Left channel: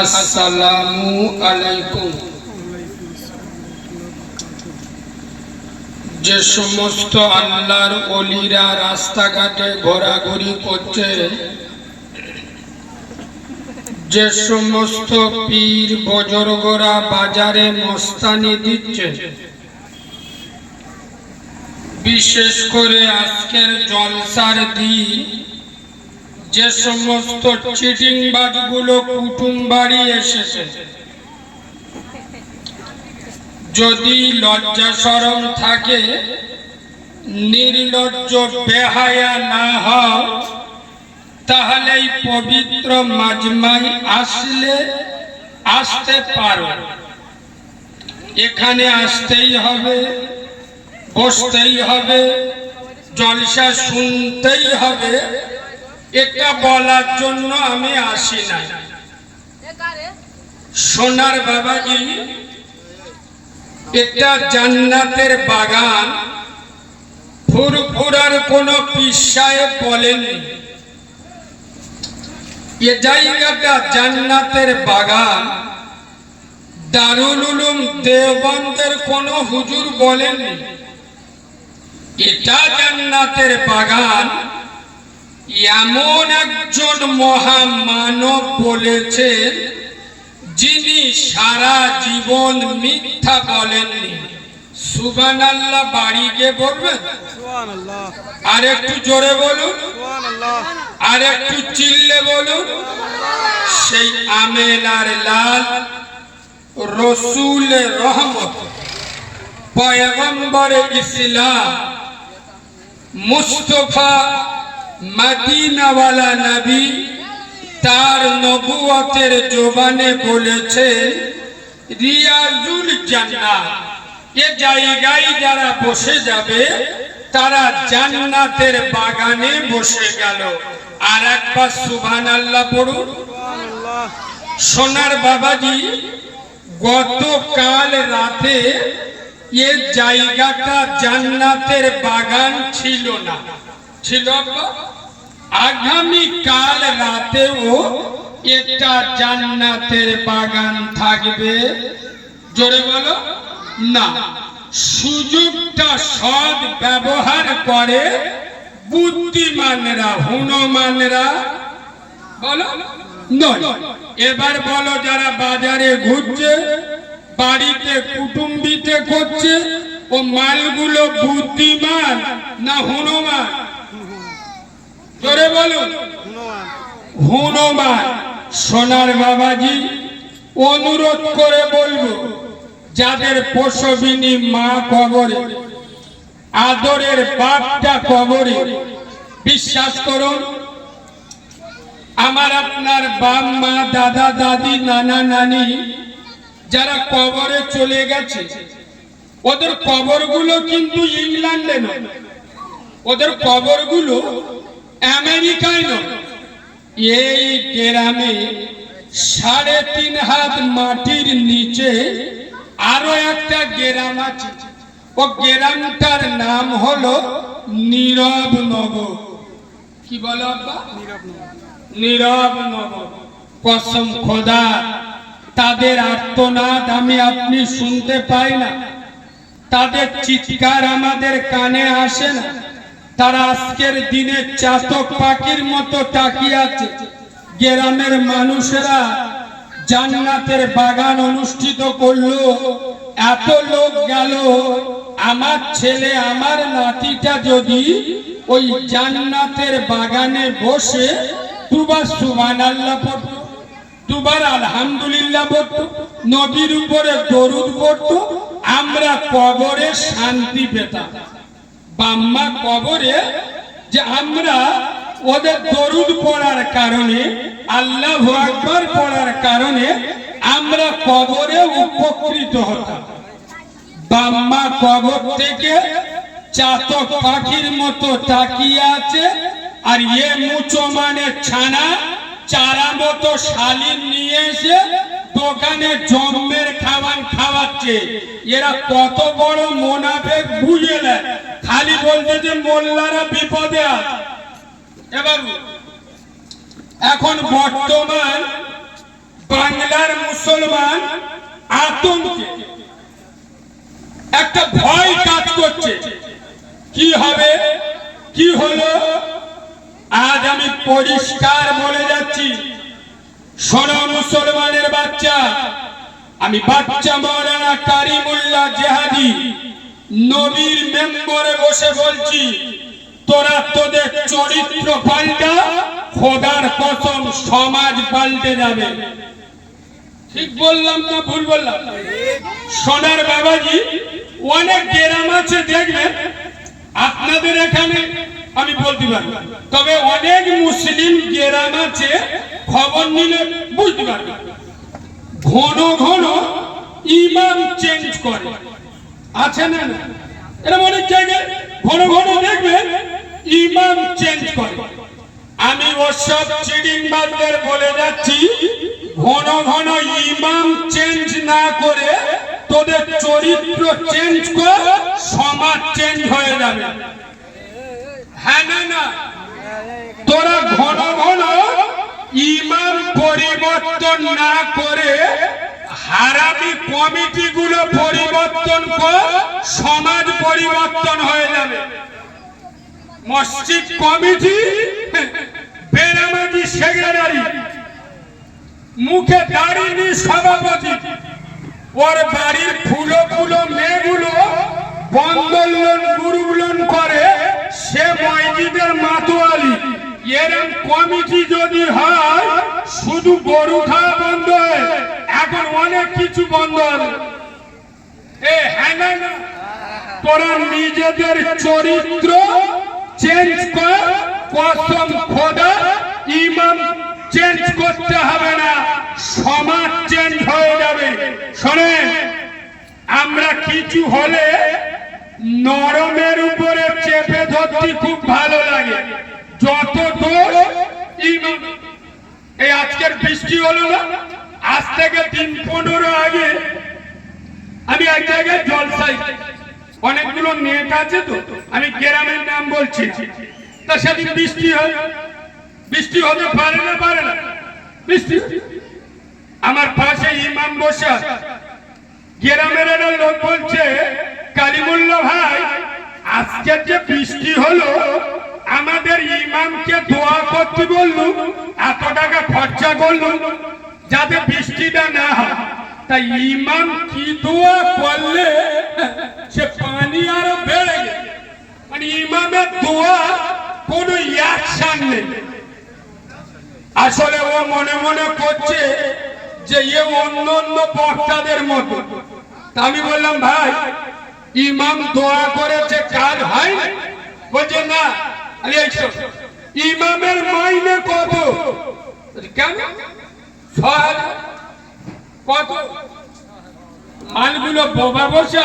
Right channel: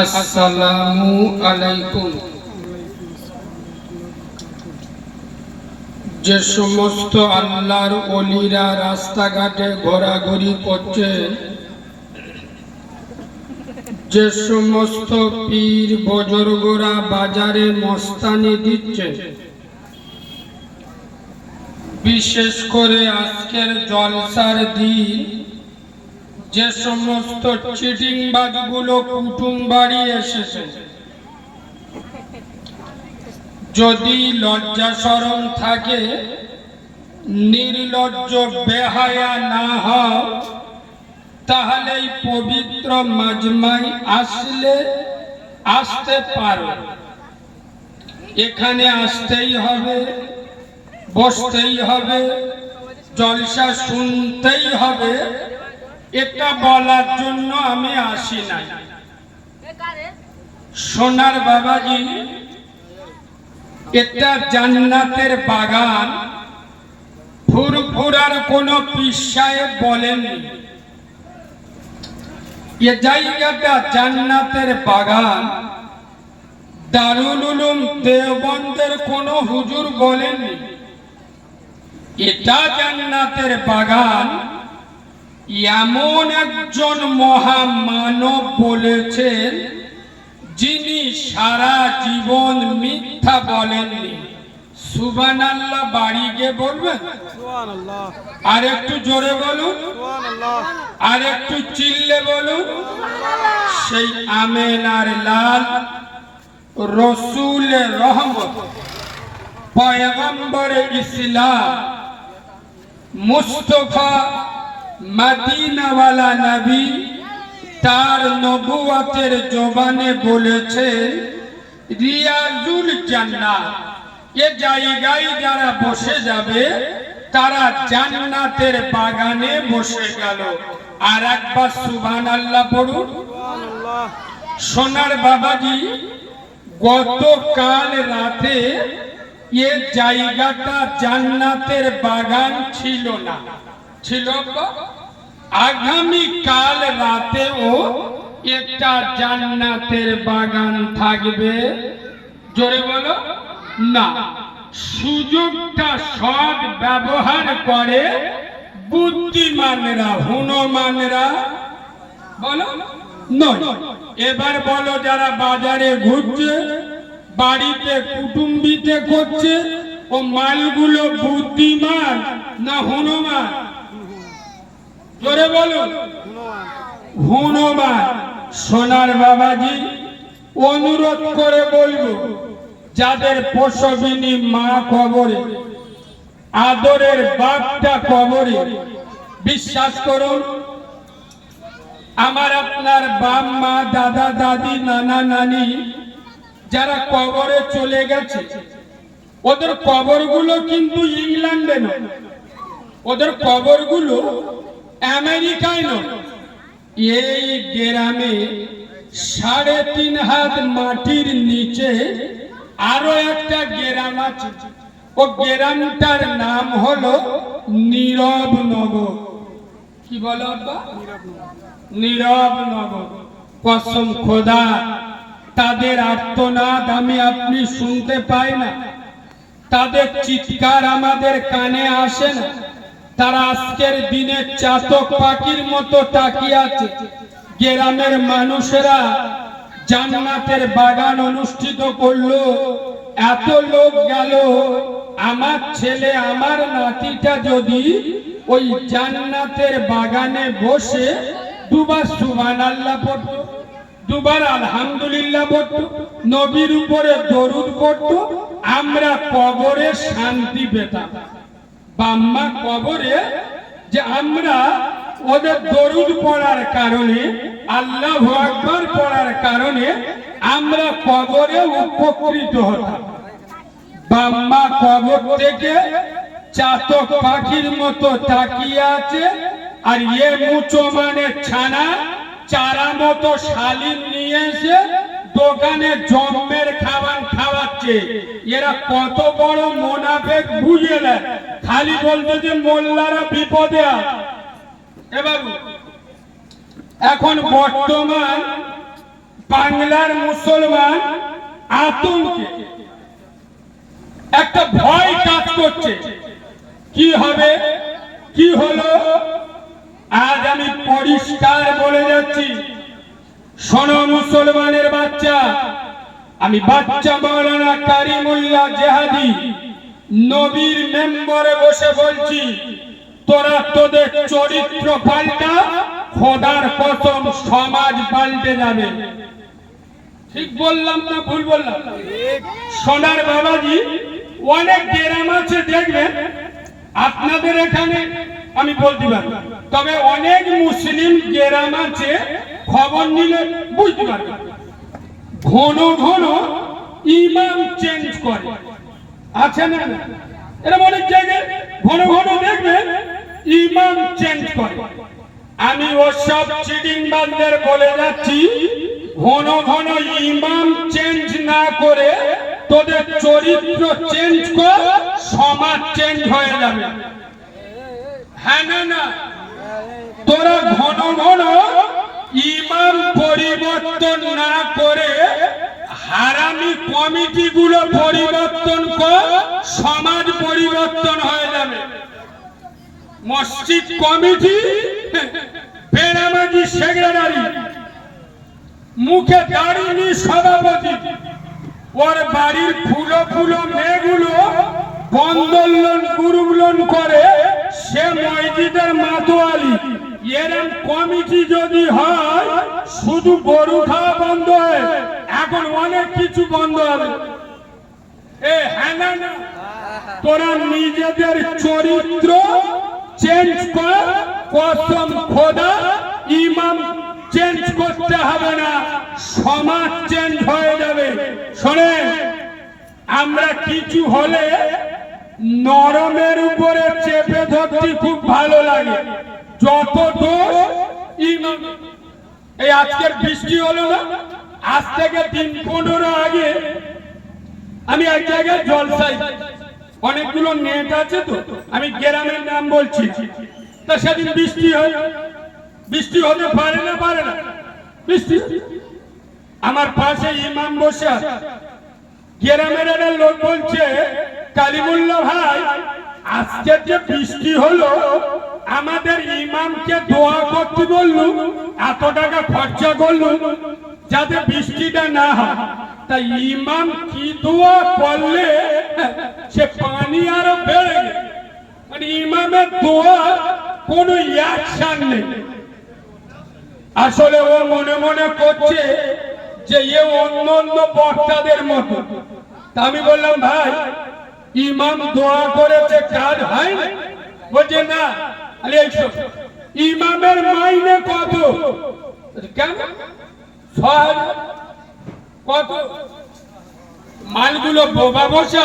আসসালামু আলাইকুম। যে সমস্ত আল্লাহর ওলিরা রাস্তাঘাটে ঘোরাঘুরি করছে, যে সমস্ত পীর বুজুর্গরা বাজারে মস্তানি দিচ্ছে, বিশেষ করে আজকের জলসার দিন যে সমস্ত চিটিংবাজগুলো কুটুম বাড়ি এসেছে, যদি লজ্জা শরম থাকে, নির্লজ্জ বেহায়া না হও, তাহলে এই পবিত্র মাজমায় আসতে পারো। এখানে আসতেই হবে, বসতেই হবে, জলসা শুনতেই হবে, এটা বলার জন্য আমি আসি না। সোনার বাবাজি, এটা জান্নাতের বাগান। ফুরফুরার কোন পীর সাহেব বলেননি এ জায়গাটা জান্নাতের বাগান। দারুল উলুম দেওবন্দের কোন হুজুর বলেননি এটা জান্নাতের বাগান। এমন একজন মহামানব বলেছেন যিনি সারা জীবন মিথ্যা বলেননি। সুবহানাল্লাহ। বাড়ি গিয়ে বলবেন সুবহানাল্লাহ। আর একটু জোরে বলুন সুবহানাল্লাহ। আর একটু চিল্লে বলুন সেই আমেনার লাল রসুল রহমত পয়গম্বর ইসলাম মুস্তাফা মদিনাওয়ালা নবী তার নবুয়তের জবানে বলেছে রিয়াজুল জান্নাত। এ জায়গায় যারা বসে যাবে তারা জান্নাতের বাগানে বসে গেল। আর একবার সুবহানাল্লাহ পড়ুন সুবহানাল্লাহ। সোনার বাবাজি, গতকাল রাতে এ জায়গাটা জান্নাতের বাগান ছিল না, ছিল আগামী কাল রাতেও এটা জান্নাতের বাগান থাকবে। জোরে বলো না। সুযোগটা সৎ ব্যবহার করে বুদ্ধিমানরা, হুনমানরা বলো নয়। এবার বলো যারা বাজারে ঘুরছে, বাড়িতে কুটুম্বিতে করছে, ও মালগুলো বুদ্ধিমান না হুনমান? জোরে বলুন হুনমান। সোনার বাবাজি, অনুরোধ করে বলবো যাদের প্রসবিনী মা কবরে, আদরের বাপটা কবরে, বিশ্বাস করুন আমার আপনার বাপ মা, দাদা দাদি, নানা নানি যারা কবরে চলে গেছে, ওদের কবরগুলো কিন্তু ইংল্যান্ডে নয়, ওদের কবরগুলো আমেরিকায় নয়। এই গ্রামে 3.5 হাত মাটির নিচে আরো একটা গ্রাম আছে। ও গ্রামটার নাম হলো নীরব নগর। কি বলো আব্বা? নীরব নগর। কসম খোদা, তাদের আর্তনাদ আমি আপনি শুনতে পাই না, তাদের চিৎকার আমাদের কানে আসে না। তারা আজকের দিনে চাতক পাখির মতো তাকিয়ে আছে। গ্রামের মানুষেরা জান্নাতের বাগান অনুষ্ঠিত করলো, এত লোক গেল। আমার ছেলে, আমার নাতিটা যদি ওই জান্নাতের বাগানে বসে দুবার সুবহানাল্লাহ পড়তো, দুবার আলহামদুলিল্লাহ পড়তো, নবীর উপরে দরুদ পড়তো, আমরা কবরে শান্তি পেতাম। বাম্মা কবরে যে আমরা ওদের দরুদ পড়ার কারণে, আল্লাহু আকবার পড়ার কারণে আমরা কবরে উপকৃত হতাম। বাম্মা কবর থেকে চাতক পাখির মতো তাকিয়ে আছে, আর এ মুচো মানে ছানা চারা মতো শালিন নিয়ে এসে দোকানে জম্মের খাবার খাওয়াচ্ছে। এরা কত বড় মুনাফিক বুঝে না, খালি বলতে যে মোল্লারা বিপদে আছে। এবার এখন বর্তমান বাংলার মুসলমান আতঙ্কে একটা ভয় কাজ করছে, কি হবে কি হলো। আজ আমি পরিষ্কার বলে যাচ্ছি, শোনো মুসলমানের বাচ্চা, আমি বাচ্চা মাওলানা কারিমুল্লাহ জেহাদি নবীর মেম্বরে বসে বলছি, তোরা তোদের চরিত্র পাল্টা, খোদার কসম সমাজ পাল্টে যাবে। ঠিক বললাম না ভুল বললাম? সোনার বাবাজি, অনেক গ্রাম আছে দেখবেন, আপনাদের এখানে আমি বলতে পারি, তবে অনেক মুসলিম গ্রাম আছে, খবর নিলে বুঝতে পারবেন, ঘন ঘন ইমাম চেঞ্জ করে, আছে না? এরকম অনেক জায়গায় ঘন ঘন দেখবেন ইমাম চেঞ্জ করে। আমি ওসব চিডিংবাজদের বলে যাচ্ছি, ঘন ঘন ইমাম চেঞ্জ না করে তোদের চরিত্র চেঞ্জ কর, সমাজ চেঞ্জ হয়ে যাবে। হ্যাঁ না? তোরা ঘন ঘন ইমাম পরিবর্তন না করে হারামি কমিটি গুলো পরিবর্তন কর, সমাজ পরিবর্তন হয়ে যাবে। মসজিদ কমিটি বেনামাজি সেক্রেটারি, মুখে দাঁড়িয়ে সভাপতি, ওর বাড়ির ফুলো ফুলো মেয়েগুলো বন্ধন লোন গ্রুপ লোন করে, সে মসজিদের মাতোয়ালি। এরম কমিটি যদি হয়, শুধু গরু খাওয়া বন্ধ হয়, এখন অনেক কিছু বন্ধ হবে। হ্যাঁ না? তোরা নিজেদের চরিত্র চেঞ্জ কর, কসম খোদা ইমাম চেঞ্জ করতে হবে না, সমাজ চেঞ্জ হয়ে যাবে। শোনেন, আমরা কিছু হলে নরমের উপরে চেপে ধরতে খুব ভালো লাগে, যত দোষ ইমাম। এই আজকের বৃষ্টি হলো না, আজ থেকে 3-15 আগে আমি এক জায়গায় জলসাই, অনেকগুলো নেট আছে তো, আমি গ্রামের নাম বলছি, তা সেদিন বৃষ্টি হয়, বৃষ্টি হতে পারে না বৃষ্টি। আমার পাশে ইমাম বসে, গ্রামের একটা লোক বলছে, কালিমুল্লাহ ভাই, আজকের যে বৃষ্টি হলো, আমাদের ইমামকে দোয়া করতে বললো, এত টাকা খরচা করলো যাতে বৃষ্টিটা না হয়। তাই ইমাম কি দোয়া করলে সে পানি আরো বেড়ে গেল, মানে ইমামের দোয়া কোনো অ্যাকশন নেই। আসলে ও মনে মনে করছে যে অন্য অন্য বক্তাদের মতো। তা আমি বললাম, ভাই ইমাম দোয়া করেছে, কাজ হয় না? বলছে না। ইমামের মাইনে কত? কেন? 6,000। কত? মালগুলো বোবা বসে,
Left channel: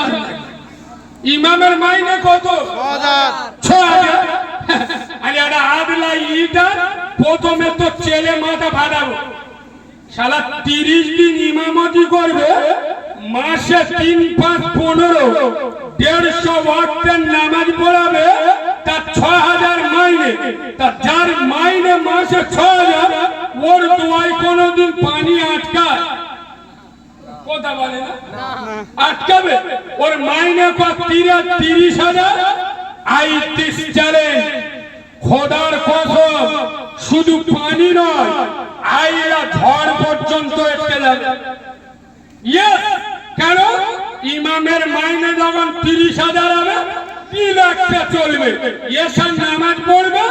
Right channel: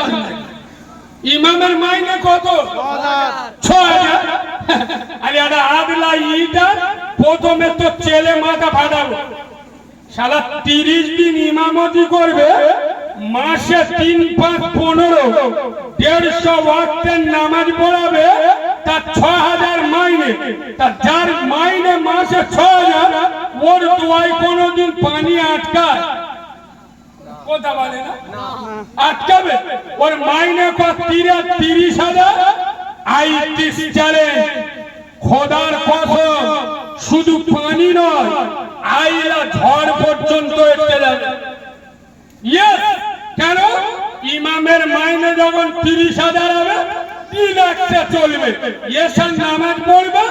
ইমামের মাইনে কত? 6,000। আরে একটা আদলা ইটা প্রথমে তো চেলে মাথা ফাটাবো, শালা 30 দিন ইমামতি করবে, মাসে 3, 5, 15 150 ওয়াক্তের নামাজ পড়াবে, তার 6,000 মাইনে। তা যার মাইনে মাসে 6,000, ওর দোয়ায় কোনোদিন পানি আটকায়? কথা বলে না, আটকাবে? ওর মাইনে কত? 30,000। আইটিস চ্যালেঞ্জ, খোদার কসম, শুধু পানি নয়, আইলা ঝড় পর্যন্ত এসে যাবে। কেন? ইমামের মাইনে যখন 30,000 হবে, 3 লাখটা চলবে। এসব নামাজ পড়বে,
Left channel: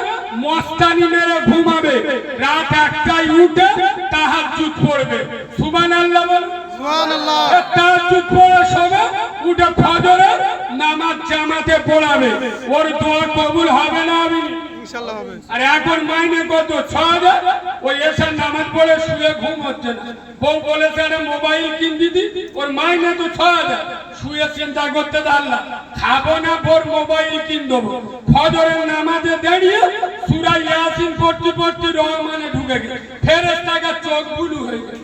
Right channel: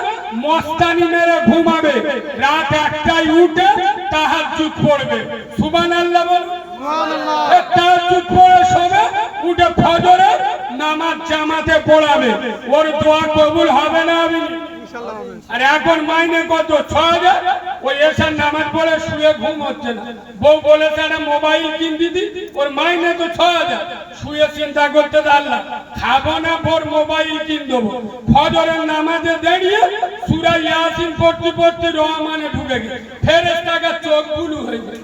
মস্তানি মেরে ঘুমাবে, রাত 1টায় উঠে তাহাজ্জুদ পড়বে। সুবহানাল্লাহ বল। সুবহানাল্লাহ। তাহাজ্জুদ পড়ে শোবে, উঠে ফজরে নামাজ জামাতে পড়াবে। ওর দোয়া কবুল হবে না? হবে ইনশাআল্লাহ হবে। আর এখন মাইনে কত? 6,000। ওই এসে নামাজ পড়ে শুয়ে ঘুম হচ্ছে না, বউ বলেছে একটা মোবাইল কিন দিদি, ওর মাইনে তো 6,000। শুয়ে চিন্তা করতে আল্লাহ, খাবো না বোর মোবাইল কিন দেবো। ফজরের নামাজে দাঁড়িয়ে সূরা ইয়াসিন পড়তে পড়তে রহমানে ঢুকে গেছে, ফেরেশতার চোখ বুলু হয়ে গেল।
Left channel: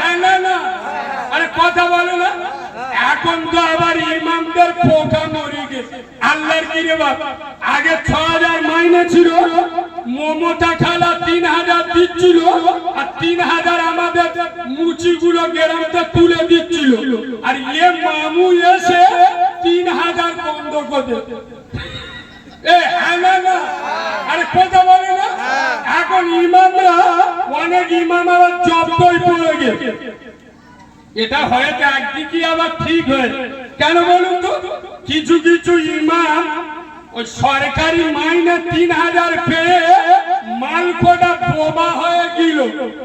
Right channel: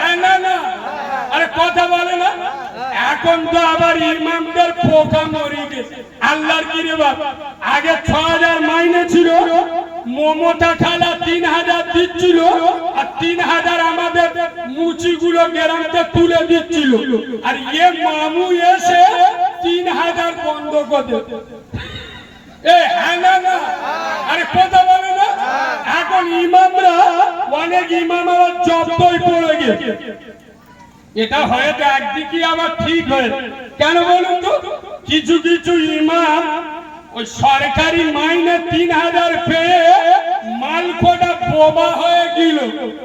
হ্যাঁ না? আরে কথা বলে না। এখন তো আবার ইমামদের পোকা মরে গেছে। আল্লাহর কি রে বাবা, আগে 6,000 মাইনে ছিল, মমতা খালা 3000 দিচ্ছিল আর 3000 আমাদের মুচিগুলো গ্রামতে তুলে দিচ্ছিল, আর এ মামু এসে 3000 বন্ধ করে আরে কথা বলে না। এখন ইমামরা অনেক ইমামরা জব্দই পড়ে গেছে। এটা হয়তো একদিকে আবার ঠিক হয়ে, কেন বলুন তো, কিছু কিছু ইমাম ওই সরকারি মাইনে 3000 পেয়ে মালকোটা বোবা হয়ে গেল।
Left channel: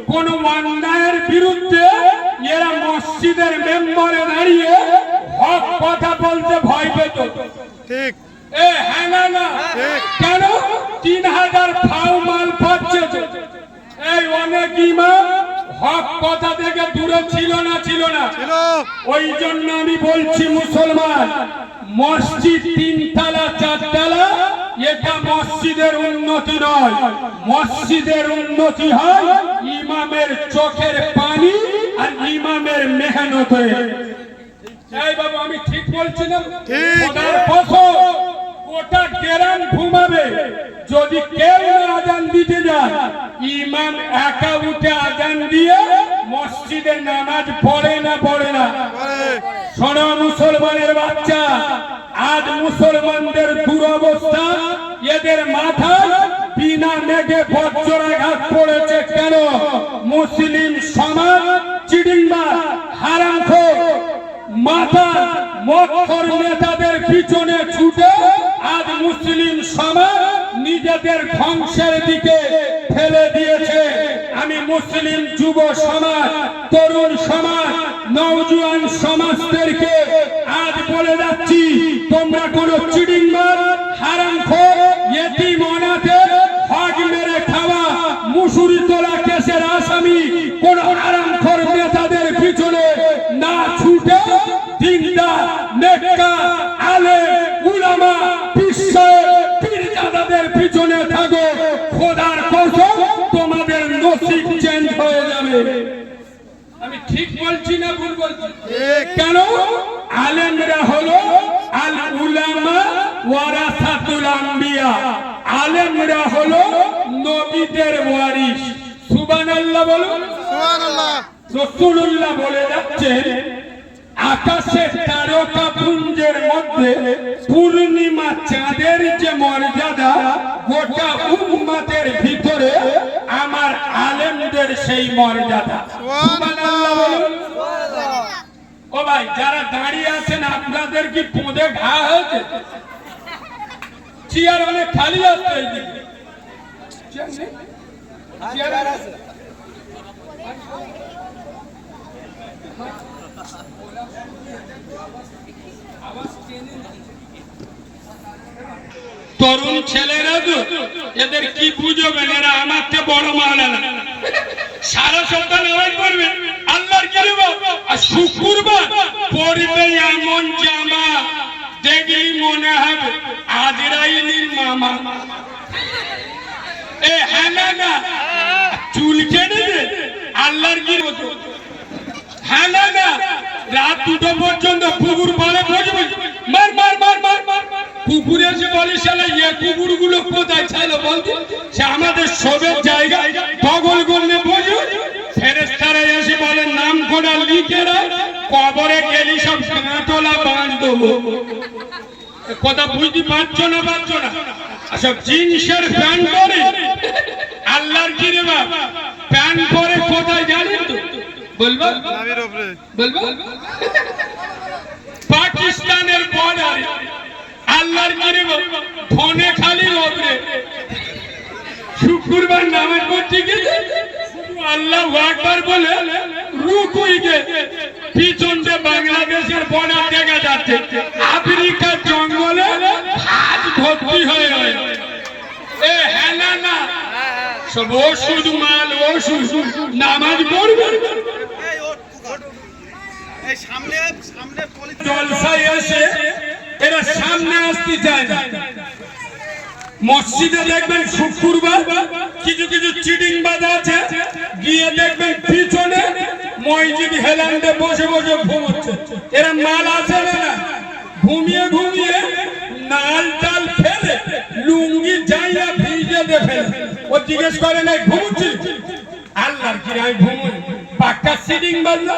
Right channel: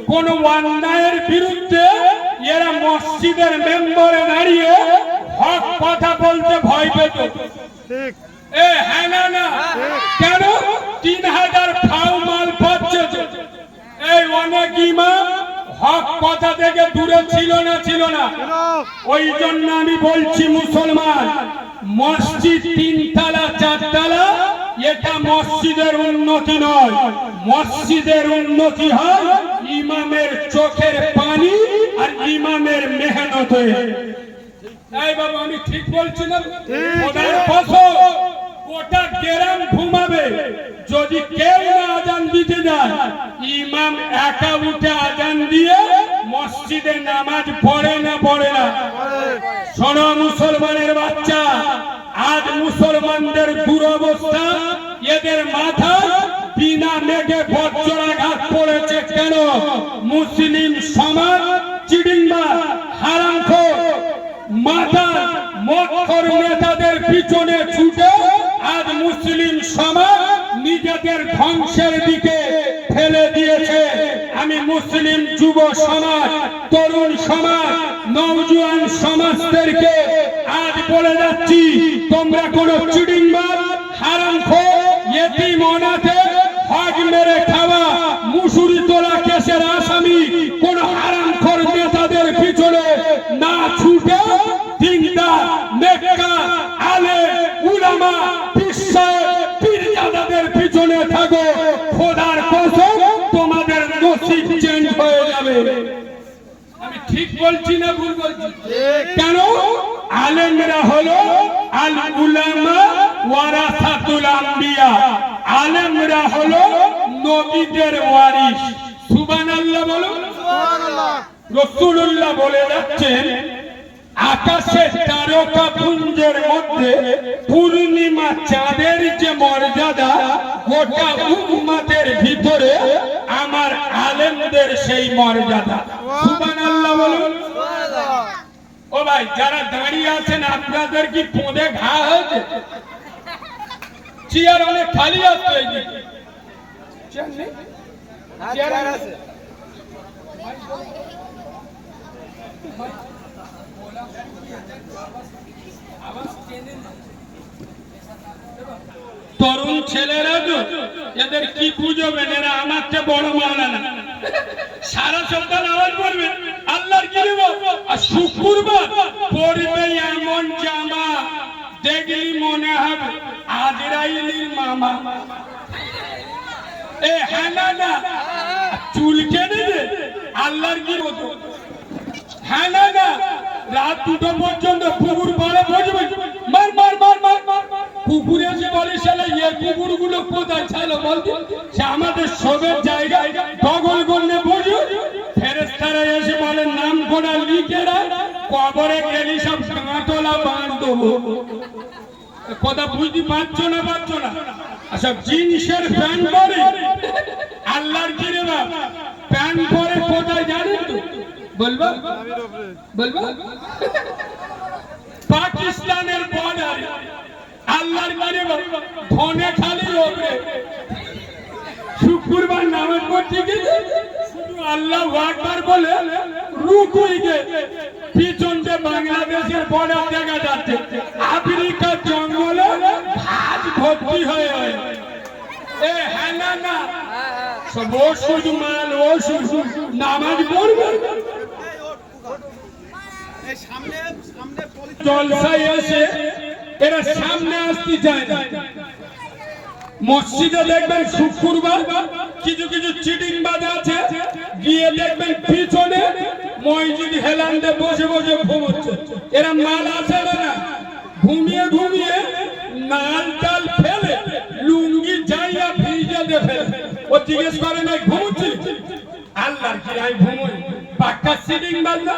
কোন অন্যায়ের বিরুদ্ধে এরা মসজিদের মেম্বারে দাঁড়িয়ে হক কথা বলতে ভয় পেত। ঠিক হ্যাঁ না কেন 3000 ফাও মাল পাচ্ছে? এই অনেক ইমাম হক কথা থেকে দূরে ছিল না। ওই জন্য আমি বলছি মুসলমান, মসজিদ 3 তলা 4 তলা এটা মসজিদের উন্নতি নয়। মসজিদের উন্নতি হয় ইমামের চোখের পানি আর ইমামের মেহনতে। এই বাবা আমি ঠিক বলছি না? খোদার কসম গোটা গ্রাম ঘুমাবে যদি কেউ না আজান দিতে যায়। ইমাম একা উঠে আজান দিয়ে মসজিদে নামাজ পড়ে না। শোনো মুসলমানের বাচ্চা, আজ মুসলমানদের দুরবস্থা, এদের মাথায় বিনা মেঘে বজ্রাঘাত পড়েছে। কেন? মুসলিম সমাজ চিড়িংবাজ হারামখোর মাথা মক্খর নেতাদের পিছনে ছুটে আজ মুসলিম সমাজ নিজেদের ধ্বংসের দিকে ফেলে দিয়েছে। আমি মুসলিম যুব সমাজ, তরুণ সমাজ, নওজোয়ান সমাজদেরকে আজ বলে যাচ্ছি, তোমরা কোন চিড়িংবাজ হারামখোর ইয়েতিম অনাথে হক মেরে খাওয়া মুসুরি তোলা কেসের আসামি কোন হারামখোর নেতাদের পিছনে না ছুটে দিনদার নেককার আলেম উলামা বিশ্বাস পীরজাদাদের পিছনে থাকো। খোদার কসম তোমাদের নসিব চেঞ্জ হয়ে যাবে। আমি ঠিক বলছি না ভুল বলছি? কেন? আলেমরা হলো আল উলামা ওয়ারাসাতুল আম্বিয়া। আলেমরা হলো নবীদের ওয়ারিস। সুবহানাল্লাহ বলুন। সুবহানাল্লাহ। রাসূলুল্লাহ বলে যাচ্ছেন, আকাশের তারকা পুঞ্জের মধ্যে পূর্ণিমা চাঁদের যে মর্যাদা, গোটা উম্মতের ভিতরে আমার আলেমদের সেই মর্যাদা। সুবহানাল্লাহ বলুন। ও ভাই যারা দাঁড়িয়ে আছেন আপনাদের কি পোঁদে ঘা হয়েছে? চেয়ার অনেক খালি আছে। তরুণ ছেলেরা তো এদের কি বুঝবেন, এরা আমার চেয়ে বড় মাওলানা। সারা সপ্তাহ নামাজ পড়বে, আল্লাহর কি আর শুক্রবার পড়বে এমন জামা দেখলি মনে হবে আজরাইলের মামা। হ্যাঁ না চুল কেটে দে আল্লাহর কি মতো। হ্যাঁ না রাত 2টো পর্যন্ত কুকুর বলে বসবে, মার মার মার মার মার। কুকুর এসে বলে শালা এ কুকুর গুলো কোথায় ছাড়া বলতে, সে আমাদের সবের জায়গায় বগল করলে বসে। ফেরেশতারা এসে বলে নাম কোনা লিখে রাখ, কবরে গেলি সব কাঁটলা বাঁধ দেবো। কথা বুঝতে পারছো না? সব জিন্সের প্যান্ট পরে আল্লাহর কি রে বাপ, প্যান্ট পরে কোথায় জানেন তো? বলবো পাকিস্তানের বর্ডারে আল্লাহর কি রে বাপ, ধনে খালি ওপরে শুক্রবার নামাজ পড়তে গেছে, আল্লাহু আকবার বলে রুকুই গেছে। পিছন দিয়ে বাংলাদেশের বর্ডার দেখা যাচ্ছে, আফ্রিকার জঙ্গলে হাত ভর্তি হয়ে হ্যাঁ না সব ওষুধ মাল, ওষুধ নামাজ পড়বে। জলসায় এসে এরা সামনে আসতে চায়। মসজিদে দেখবেন শুক্রবার কিছু কিছু চিটিংবাজ আছে, গিয়ে দেখবেন পিছনে মসজিদ হেলান্ডে বসে বসে ঘুমোচ্ছে। এরা মাল আসে না, ঘুমিয়ে নাল টাল ফেলে লুঙ্গি যাইয়া ভিজে ফেলে। জিজ্ঞেস করে নাই ঘুমুচ্ছি আল্লাহর কি আমি ঘুমোই পাক্কা সিটিং বাজলা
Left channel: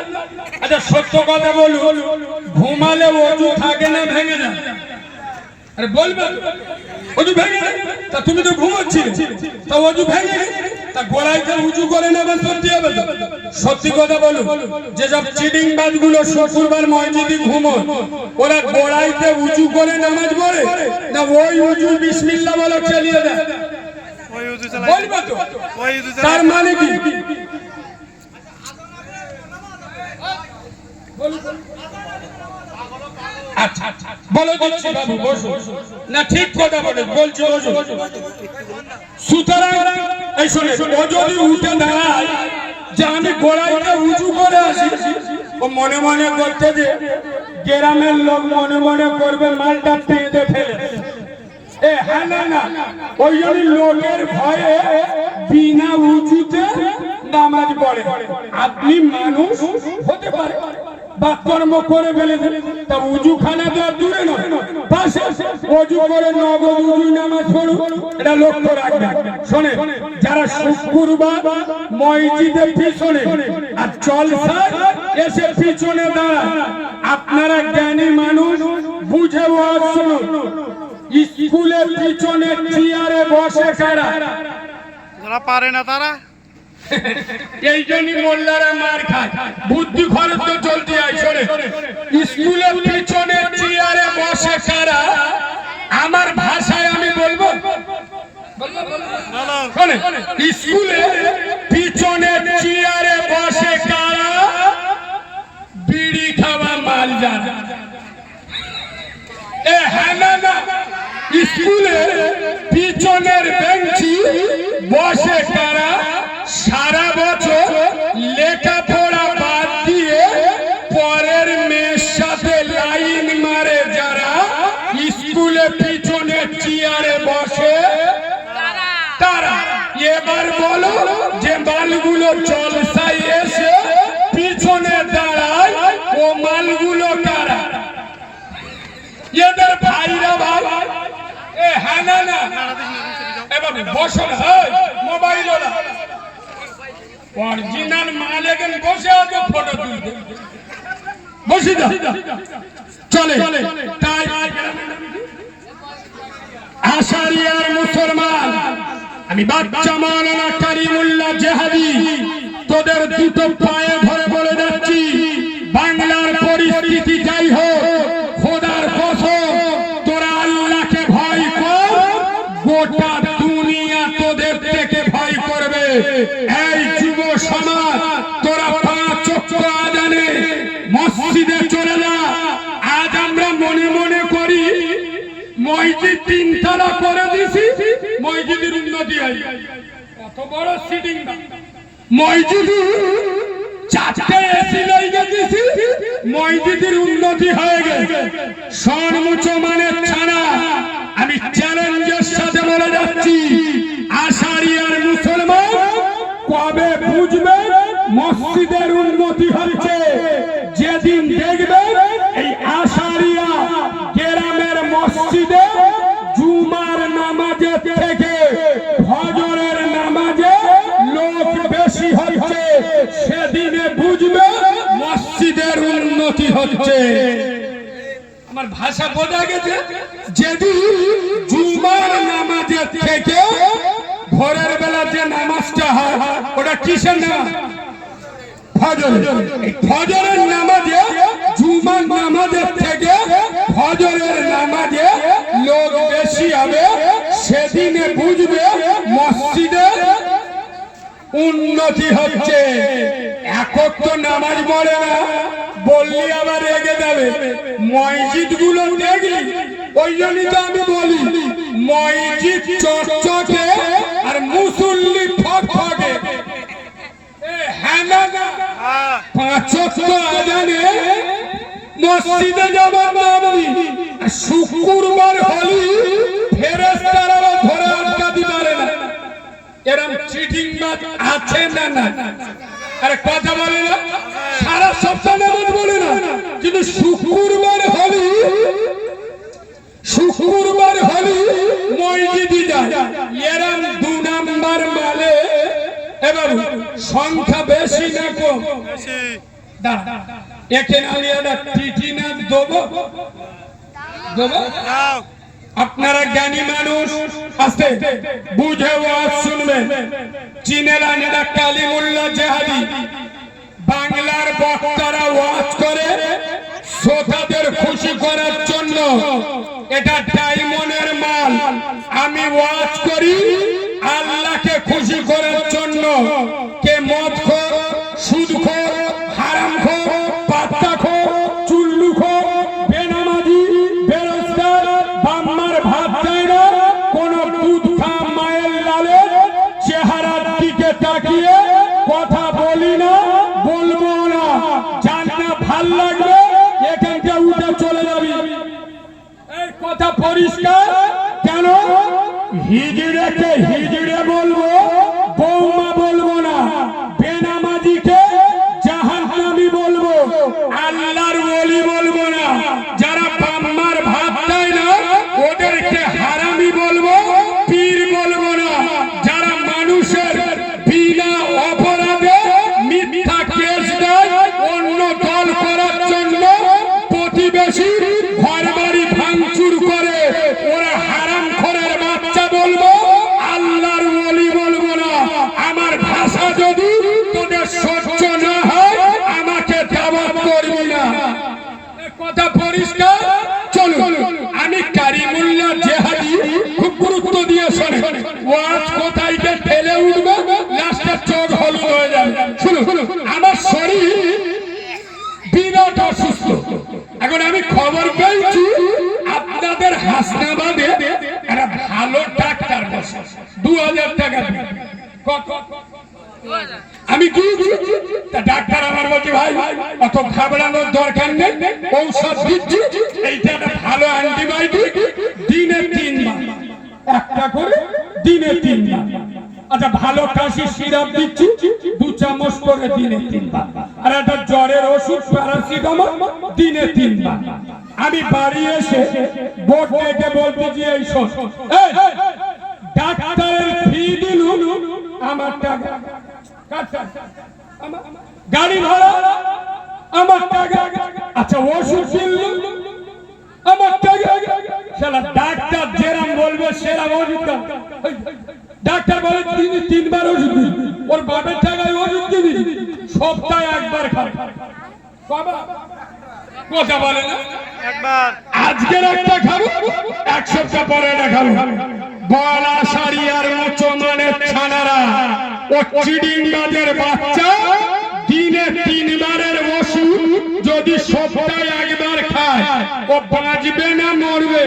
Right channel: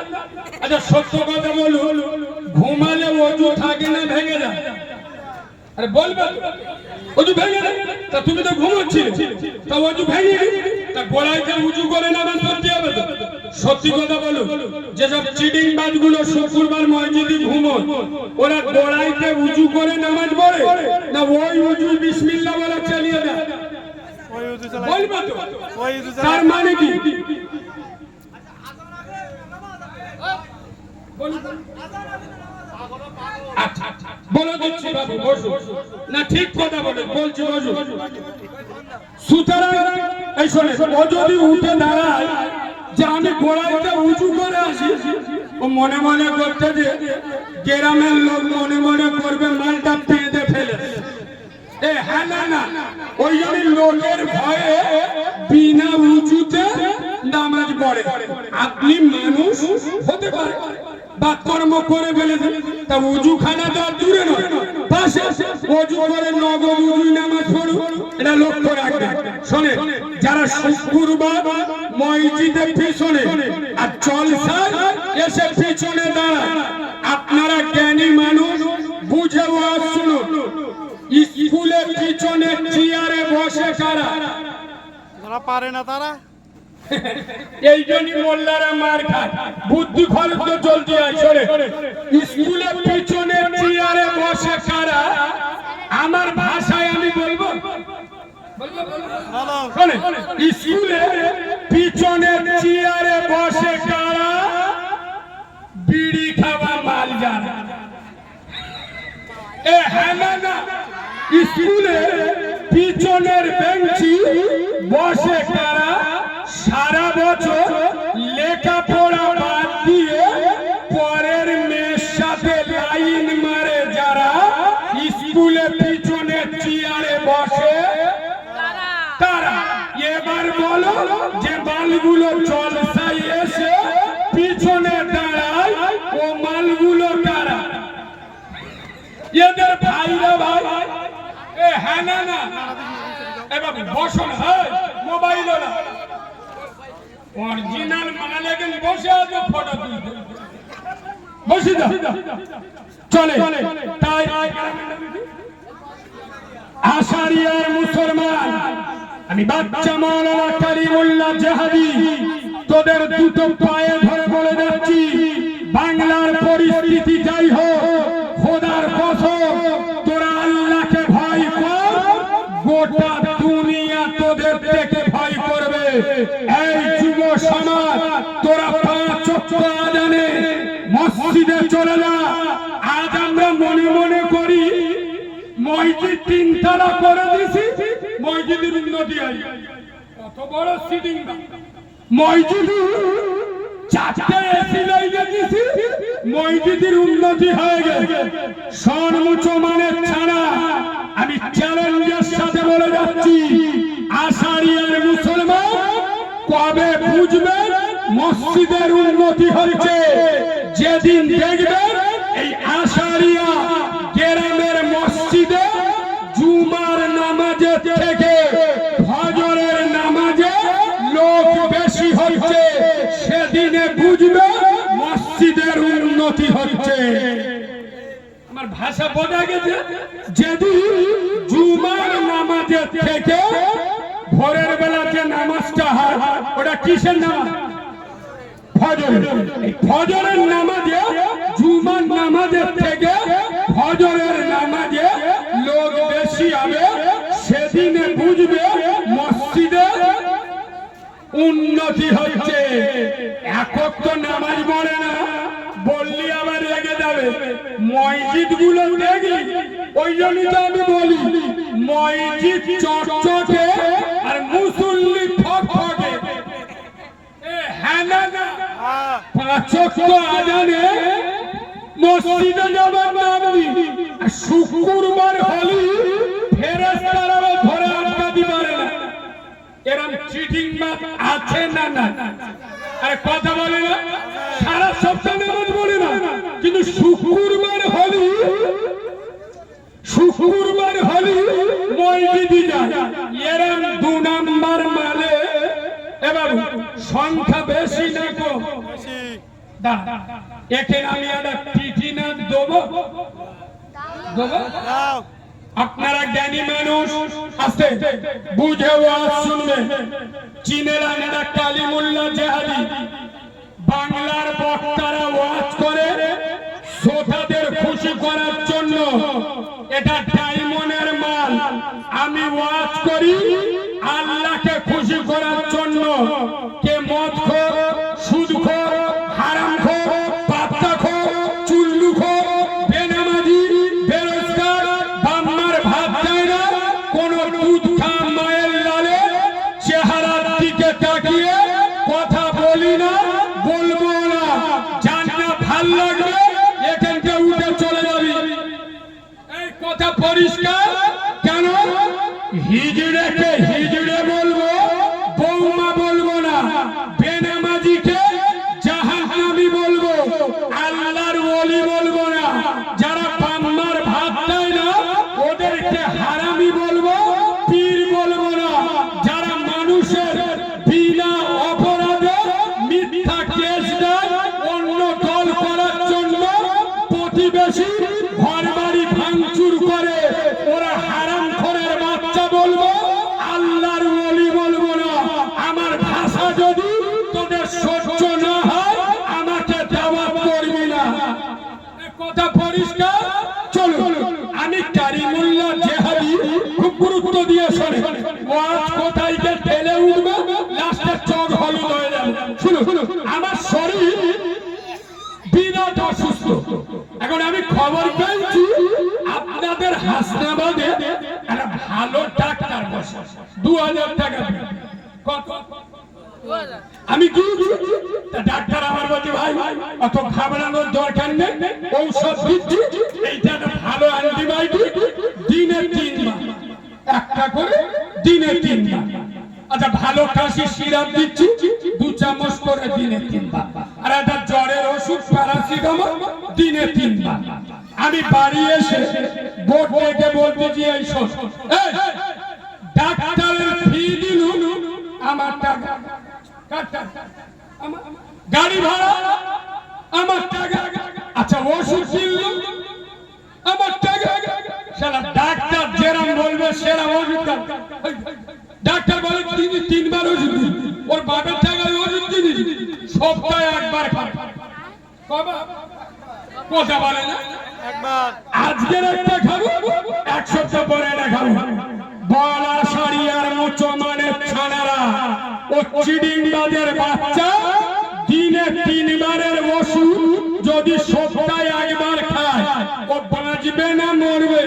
আচ্ছা সত্য কথা বলুন ঘুমালে ওযু থাকে না ভেঙে যায় আরে বলবে ওযু ভেঙে যায় তা তুমি তো ঘুমোচ্ছিলে তা ওযু ভেঙে গেছে তা গোড়াইতে উঁচু করে নামাজ পড়তে হবে তো সত্যি কথা বলুন যেসব চিটিং বাজগুলো শুক্রবার মসজিদে ঘুমোয় ওরা গোড়াইতে উঁচু করে নামাজ পড়ে না ওই উঁচু বিসমিল্লাহ বলে চালিয়ে দেয় ওই উজু চালায় বলবে তো ওই উজু তার চালায় মানে কি আচ্ছা আচ্ছা বলো দিচ্ছি বাবু বসো না ঠিক কথা বলে বলছি বসো সুতরাং এই শোনে ও যদি উঠে দাঁড়ায় যে আমি গোড়াইতে উঁচু করে আসি ও মনে মনে করতে যে গ্রামের লোক মনে মনে করবে মালটা পেঁদে ফেলে এ হ্যাঁ না ওই জন্য লোকের ভয়ে বিনা উঁচুতে নামাজ পড়ে আপনি মানুষ হতে পারে বাকর্ম করে ফেলেছে তা উজু খানা তো দূরে নয় পাশে ওযু করে নগদ উজু নামাজ পড়ুন এটা লক্ষ্য রাখবেন শোনে যারা শুক্রবার মসজিদে পিছনে আর জলসায় এসে পিছনে দাঁড়ায় আপনারা জ্ঞানী মানুষ বুঝে ওয়াজ শুনুন স্কুলের পিছনে চেয়ারে বসে কারা যারা পারে না তারা এই জন্যই মোল্লারা মার খায় বুদ্ধি খরচ তো চলতে আসলে স্কুলের পিছনে চেয়ারে বসে কারা আমার ভাষায় আমি বলবো বলো শোনে স্কুলে পিছনে চেয়ারে বসে কারা বিড়ি খাওয়া মাল যারা এ হ্যাঁ না স্কুলে পিছনের বেঞ্চি বসে কারা সারা বছর লেখাপড়া বাদ দিয়ে পরের মেয়ের সাথে লাইন মারে যারা স্কুলে পিছনে চেয়ারে বসে তারা এবার বলো যে মালগুলো জলসায় এসে পিছনে দাঁড়ায় ও মালগুলো কারা এদের ভাইরা ভাই এ হ্যাঁ না এবার বসো মোবাইল অরিজিনাল মাল এখন বসে আছে ফটো তুলতে বসে যা চলে তাই আশারিয়ার মুসলমান আমি বাচ্চা মাওলানা কারিমুল্লাহ জেহাদি তোদের দুটো পায়ে ধরে বলে যাচ্ছি বাংলার পরিস্থিতি যাই হোক খোদার কসম তোরা আল্লাহকে ভয় কর গোটা দুনিয়া তোদের থেকে ভয় করবে এই যুব সমাজ তোরা পাঁচ ওয়াক্ত আযানে মসজিদে চলে যা আজ আমরা মনে মনে করি মসজিদ তিনতলা করে দিছি মসজিদের উন্নতি হয় কত বড় সিটিং মসজিদ চারটে এসি লাগিয়ে দিছি মসজিদের উন্নতি হয়ে গেছে সর্বোচ্চ মানের ছাড়া আমি চ্যালেঞ্জের সাথে বলে যাচ্ছি আশারিয়ার মুসলমান কবে বুঝবে মসজিদের উন্নতি হচ্ছে যেদিন দেখবে এই আশারিয়া গ্রামের মসজিদে জুমার নামাজে থেকে ফজরের নামাজে লোক বেশি হচ্ছে সেদিনে বুঝবে মসজিদের উন্নতি হচ্ছে আমার ভাষা বোঝা গেছে যেদিন জুমার নামাজে থেকে ভোরের বেলা যে নামাজটা হয় ওটা কিসের নামাজ ফজর এই ফজরের নামাজে জুমার নামাজের থেকে ফজরের নামাজে লোক বেশি হবে সেদিনে বুঝবে মসজিদের উন্নতি হচ্ছে এখন তো নামাজ পড়ে না বললি আবার রেগে যাবে মসজিদ গুলো দেখলি ওই জন্যই তো আমি বলি মসজিদ চকচকে আর মুসল্লি ফকফকে হ্যাঁ না পাঁচ ওয়াক্ত আযানে মসজিদে যাবার নামনি শুক্রবার হলি ফেরেশতারা ধরে আটকাতে পারে না এরকম চিটিং বাজ আছে না আরে কথা বলে না সারা সপ্তাহ নামাজ বলে না কিন্তু শুক্রবার হলি মসজিদে যায় এরকম 2 নাম্বার মালে এ বাবু সংখ্যা বেশি না কম? বেশি। দাঁড়া, এখানে আমি একটা টিটি না দেবো? দেবো? দাও। আপনারা জ্ঞানী মানুষ, আস্তে বুঝে ওয়াজ শুনবেন। চিনেলান এরা কালিমুল্লাহ জেহাদি, বাংলার বক্তারা ওয়াজ করে শ্রোতাদের খুশি করার জন্য। এটা ডায়মন্ডের মাল। আমি ওয়াজ করি আল্লাহকে খুশি করার জন্য। কে মদখোর, সুদখোর, হারামখোর, পাত্তাখোর, চুল্লুখোর, বেনামাজি, বেরোজগার, বাম্মার ভাত দেয় না, কোন দুধ খা মায়ের লালে চেহারার দিকে তাকিয়ে কথা বলি না, বলবো না। যার না ভাল লাগবে এখানটা উঠে চলে যাবি। এই কথা পরিষ্কার। কেন? হিজড়েকে হিজড়ে বলবো, বৌমা বলবো না। বেনামাজিকে জাহান্নামী বলবো, আল্লাহর ওলি বলবো না। যারা বাম্মার ভাত দেয় না ওদেরকে হারামি বলবো, পীর বলবো না। যারা মানুষের বিনা অপরাধে মিথ্যা কেস দেয় অন্য দল করার জন্য, প্রতিবেশী ঘর বাড়ি ভাঙচুর করে, ওরা হারামখোরের বাচ্চা বলবো, আল্লাহর ওলি বলবো না। আমার ভাষা যদি তোদের সহ্য না হয় আমাকে দাওয়াত করবি না। কথা পরিষ্কার। চলুন, আমি কারিমুল্লাহ জেহাদি খুব গুরুত্ব দিয়ে শোনেন। ওয়াজ কোথায় গিয়ে ঠেলে উঠবে, লাস্টে চোখ হলুদ হয়ে যাবে। শুনুন, আমার শরীর বিরাট অসুস্থ। এখন আমি খবর পেয়েছি আপনাদের হাসনাবাদে একটা ভালো ডাক্তার বসে, 2000 টাকা দিয়ে। কত? আমি গিয়েছি, তা ডাক্তার আমার বলছে ভাই অত ঘাবড়ানোর দরকার নেই, ঔষধ দিচ্ছি, এইটা একটা ভালো অ্যান্টিবায়োটিক, দিনে 3 বার, একটা করে দিনে 3 বার। আচ্ছা, ভালো কাশির সিরাপ দিচ্ছি 2 চামচ করে দিনে 3 বার। আর একটা জ্বরের ওষুধ প্যারাসিটামল দিনে 3 বার। আমি বাড়ি এসে বোর্ড থেকে বলতেছি এই শোন, এই ডাক্তারের ফি দিলুন আমার টাকা, গাড়ি ভাড়া আমার টাকা, আচ্ছা ওষুধ কিনলুম আমার টাকা। শালা ডাক্তার যেরকম বলবে সেরকম ওষুধ দাও। ডাক্তার বলে তিনি 3 বার ওষুধ দিন, ওর বাপের টাকায় ওষুধ কিনি, সপ্তাহে 1 বার খাবে। কথা বলে না, একবার। আজকের একটা খাবো, 1 সপ্তাহ পরে এটা খাবো। বলা সারিয়ার মুসলমানের ছানারা ও চিডিংবাজের বাচ্চা দিনে 3 বারের ওষুধ যদি সপ্তাহে 1 বার খায় ও বাঁচবে না মরবে?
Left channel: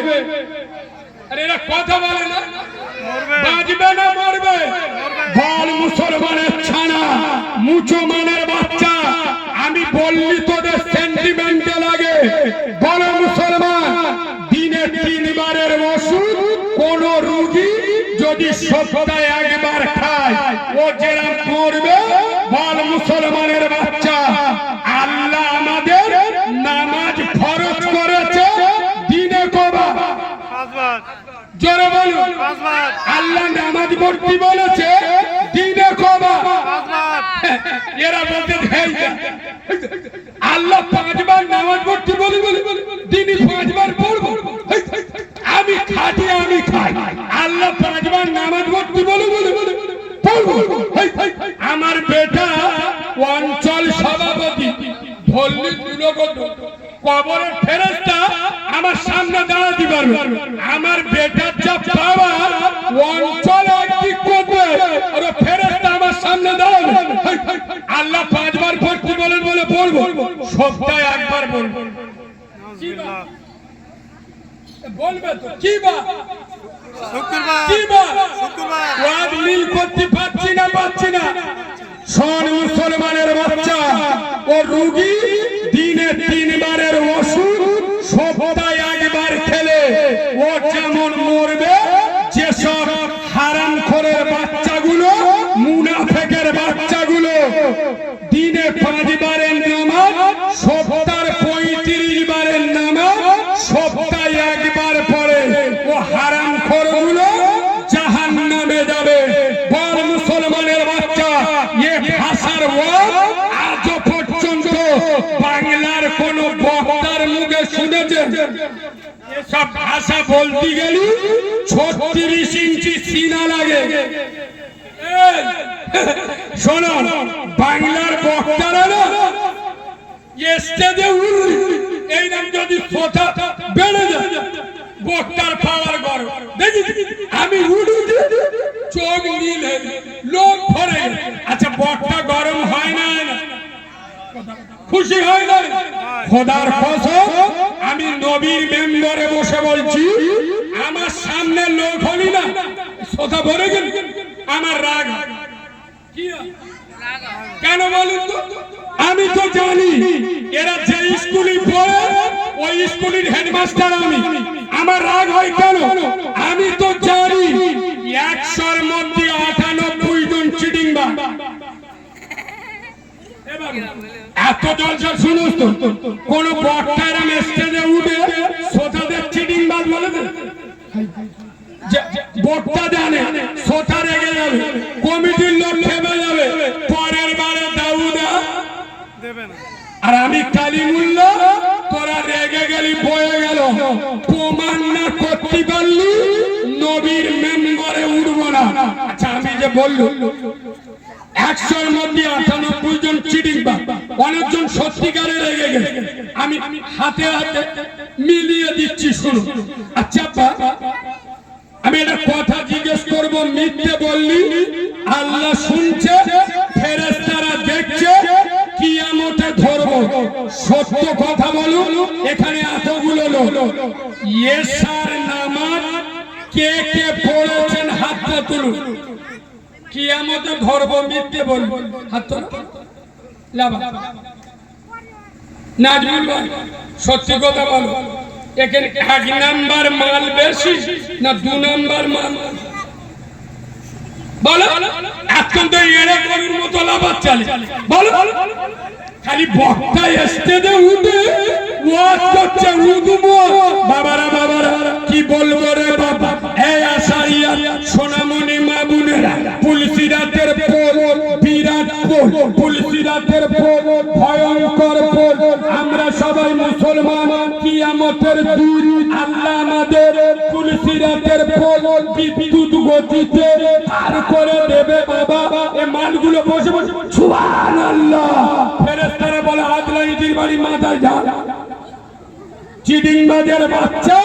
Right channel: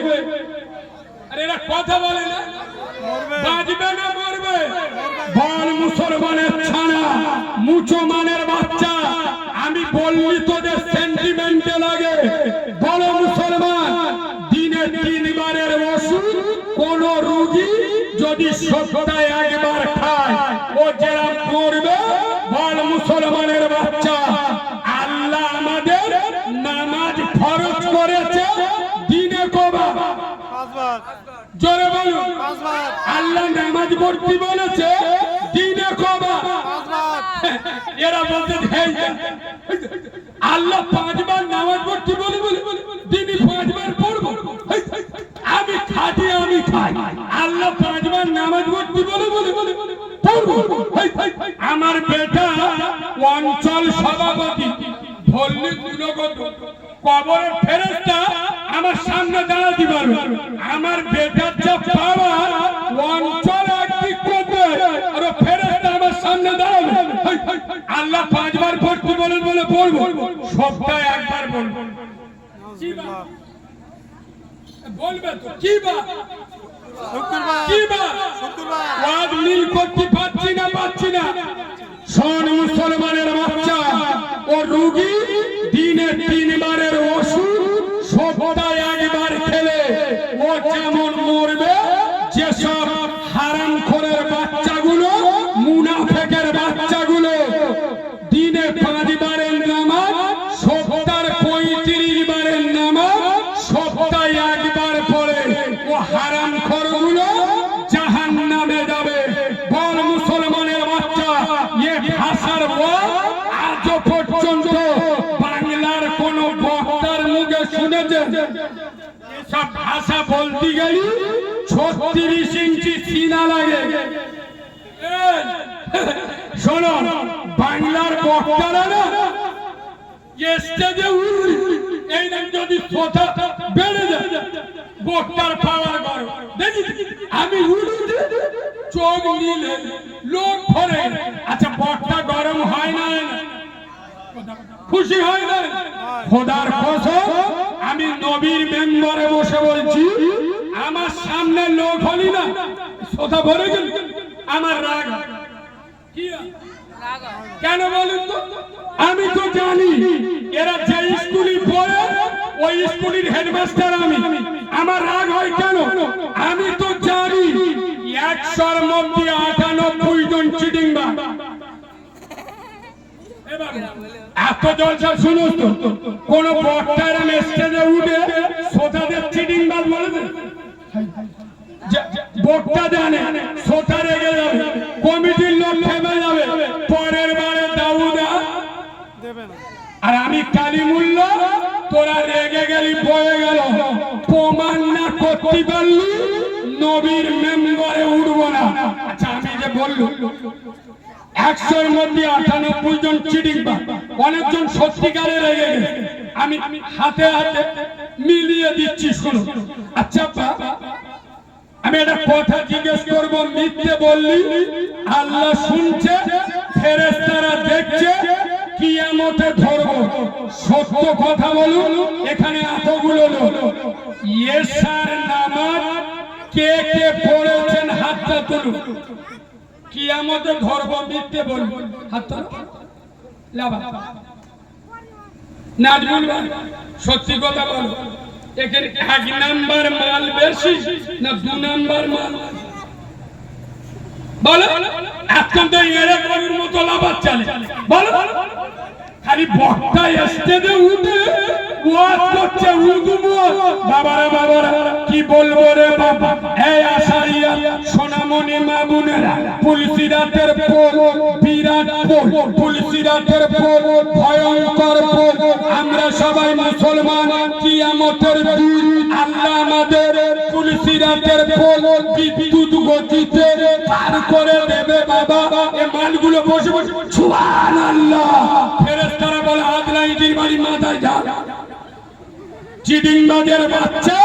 আরে এরা কথা বলে না, মরবে। বাঁচবে না মরবে? বল মুসলমানের ছানা, মুসলমানের বাচ্চা, আমি বললি তোদের সেন্টিমেন্টে লাগে। বল মুসলমান, দিনে 3 বারের ওষুধ কোন রোগী যদি সপ্তাহে 1 বার খায় ও যেরকম মরবে? বল মুসলমানের বাচ্চা, আল্লাহ আমাদের নামাজ ফরজ করেছে দিনে কবার? 5 বার। জোরে বলুন। 5 বার। আল্লাহ নামাজ পড়তে বলেছে দিনে কবার? 5 বার। এরা বলতে আল্লাহ 5 বার নামাজ পড়তে বলে দিনে 5 বার পড়বো? আমি খাটি, আমি খাই, আল্লাহ 5 বার নামাজ পড়তে বলে পড়বো। আমার বেটা অঞ্চল সভাপতি ধরলি কবরের ফেরেশতা আমার সামনে দাঁড়াতে পারবে। আমার বেটার যা পাওয়ার অঞ্চল একদিক করবে আর ফেরেশতা আমার সামনে দাঁড়াবে। আল্লাহ 5 বার পড়তে বলেন বলে পড়বো, সপ্তাহে 1 বার বলবো। নাউজুবিল্লাহ। বলবে তো কি বা? শুক্রবার। কি বা? শুক্রবার। ওয়াদ মিল করতে পারছি না। শোন মুসলমানের বাচ্চা, ও রোগী দিনে 3 বারের ওষুধ সপ্তাহে 1 বার খেলে ও যেমন মরবে, যেসব হারামখোরের বাচ্চাগুলো, মুনাফিকের বাচ্চাগুলো দিনে 5 বারের নামাজ, সপ্তাহে 35 বারের নামাজ, সপ্তাহে 1 বার পড়ে, ও হারামখোরগুলো জাহান্নামে যাবে। বল মুসলমান শোনো, বাংলার বক্তারা না স্টেজে উঠলি এই নাম যদি কথা বেড়ে যায় বক্তার পাওয়ার গর্ব দেখি আমি উঠি চোখ নীলে লোক ভরে। আচ্ছা বক্তা গরম হয় না, খুশি হয় না? খোদার কসম আমি নবীর মেম্বারে বসে বলছি, আমার সামনে লোক হলি না কথা ভরে গেল আমার রাগ কি কেন বলুন তো? আমি তো জানি এরা যে স্কুলে পড়ে ওই স্কুলের হেডমাস্টার আমি, আমার রাগ হয় কেন? আমি তো জানি 100-র মধ্যে 98 জন চিটিংবাজ। এত জলসা শুনো তো, কোন বক্তার স্টেজে উঠে শ্রোতাদের চিটিংবাজ বলে দেন? বক্তা জানে শ্রোতা রেগে যাবে, কমিটির লোক থেমে যাবে, পরের বারে দাউদা দেবে না। আর আমি কালিমুল্লাহ, তোরা রেগে গেলি বয়ে গেল, প্রমাণ না করতে পারলি নবীর মেম্বারে উঠবো না। আচ্ছা আমি যে বললুম 100-র মধ্যে 98 জন চিটিংবাজ, অনেকজন সত্যিকারে রেগে গেছে, আমি হাতে হাতে মিলিয়ে দিচ্ছি শুনো। আচ্ছা আমি একটা কথা জিজ্ঞেস করব, মিথ্যে বললি আল্লাহ শুনছে, ফেরেশতারা দেখছে, কিয়ামতে ধরবো, সত্য কথা বলুন। এখানে এতগুলো লোক এশার নামাজ কে কে পড়েছেন হাতটা তুলুন, কিয়ামতে ধরবো মিথ্যে বলুন হাত তুলুন। লাভা নাজমুল ভাই সত্যি কথা বলো, এখানে 1 নাম্বার মাল বেশি না 2 নাম্বার মাল বলো? এখন তো এরকমের মতো লাভার চলে বলো, খালি বক্তা স্টেজে উঠে ওয়াজ করছে, উঠবো বাবারা বাবারা কি বলবো রে বাবা। এই আশারিয়া সোনামণি মা বোনেরা, পুলসিরাতের পোল বিরাট পোল, পুলসিরাতের পোল ভয়ঙ্কর পোল, আমরা সবাই মুসলমান, কিয়ামতের দিন আল্লাহ আমাদের পুলসিরাতের পোল বিদ্যুৎ গতিতে পার করে দেবে বাবা। এই মালগুলো বসে বসে সুবহানাল্লাহ, ফেরেশতারা বলে আদলাইদির বাড়ি মাথায় যা, চিটিংবাজের বাচ্চা,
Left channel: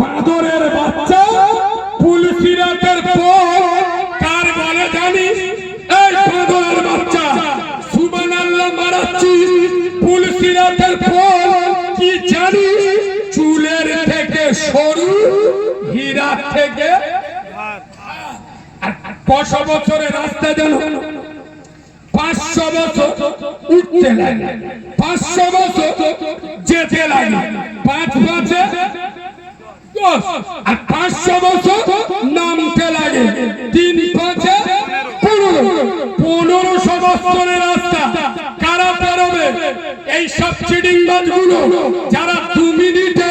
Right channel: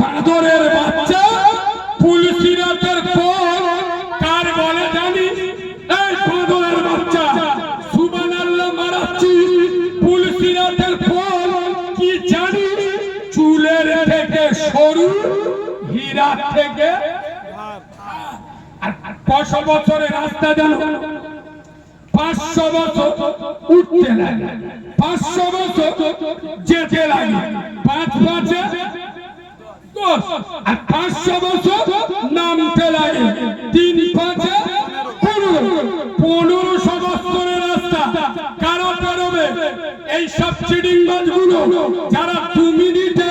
বাঁদরের বাচ্চা, পুলসিরাতের পোল কার বলে জানিস? এই বাঁদরের বাচ্চা সুবহানাল্লাহ মারাচ্ছিস, পুলসিরাতের পোল কি জানিস? চুলের থেকে সরু, হীরা থেকে ভাত। 100 বছরের রাস্তা জানো, 500 বছর উঠতে লাগে, 500 বছর যেতে লাগে, 5 5 10 আর 500 বছর নামতে লাগে, 3 5 1500 বছরের রাস্তা কারা পারবে? এই সব চিটিংবাজ গুলো যারা 2 মিনিটে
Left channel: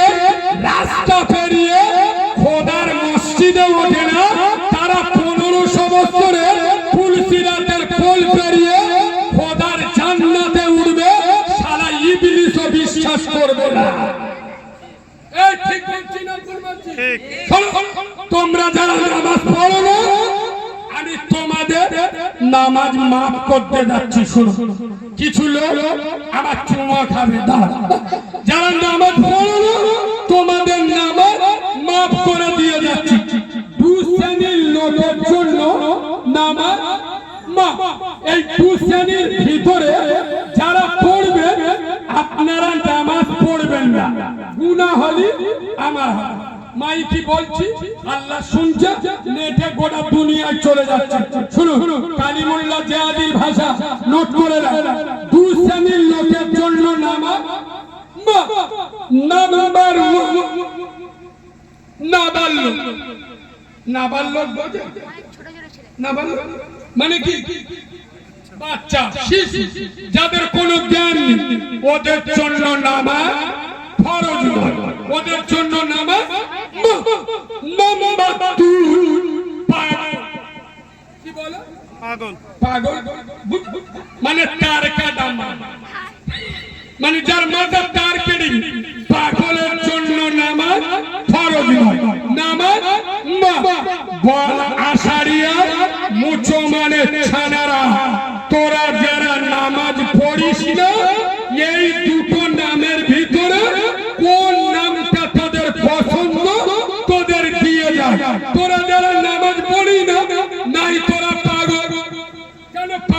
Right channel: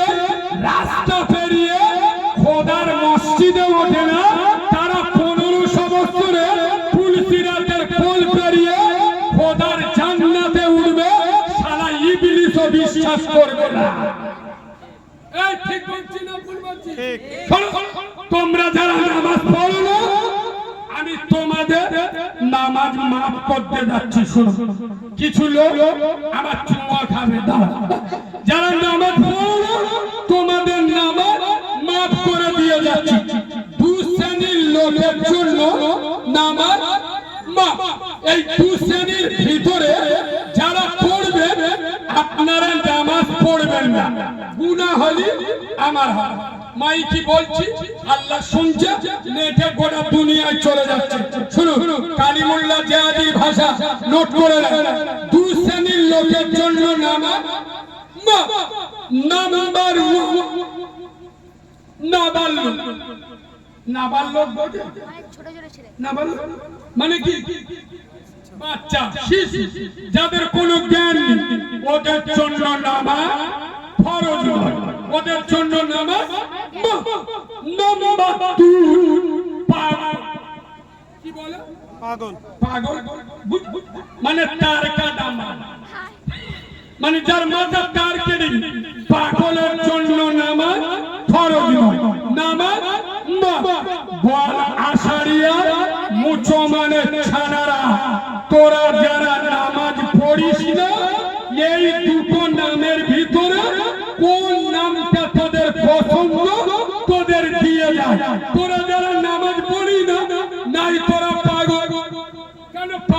রাস্তা পেরিয়ে খোদার মসজিদে ওঠে না, তারা 1500 বছরের পুলসিরাতের পোল পেরিয়ে খোদার জান্নাতে উঠবে, শালা ইবলিসও বিশ্বাস করবে না। এই ঠিক বলছি না ভুল বলছি? ঠিক। তোমরা যারা নামাজ পড়ো না, আমি তোমাদের নামাজ মাফ করতে যাচ্ছি। শুনো, কিছু লোক আমার চুমা খাবে, যারা নামাজ পড়ো না তোমাদের নামাজ মাফ করে দিয়ে যাচ্ছি। 2 শ্রেণীর লোকের জন্য নামাজ মাফ। এই 2 শ্রেণীর ভিতরে যারা পড়বে, আপনারা নামাজ পড়বেন না, গুনাহ হলে আমার হয়। মাইকি বলছি, আল্লাহ শুনছে, নেটে গোটা দুনিয়ায় চলে যাচ্ছে। শুনুন, কালিমুল্লাহ জিহাদির ভাষা নোট করে রাখুন। 2 শ্রেণীর লোকের জন্য নামাজ মাফ। নাম্বার 1 নাবালক। নাবালক বোঝে? নাবালক মানে কি? বাচ্চা, শিশু, যাদের কোনো জ্ঞান নেই, ওদের জন্য নামাজ ফরজ নয়, ওদের জন্য নামাজ মাফ। নাম্বার 2 পাগল। কি বলে? পাগল। পাগল মানে তার কাটা মাথা, মানে যার মাথা তার কেটে, পাগলের জন্য নামাজ ফরজ নয়, নামাজ মাফ। বল আশারিয়া মুচো মানে ছাড়া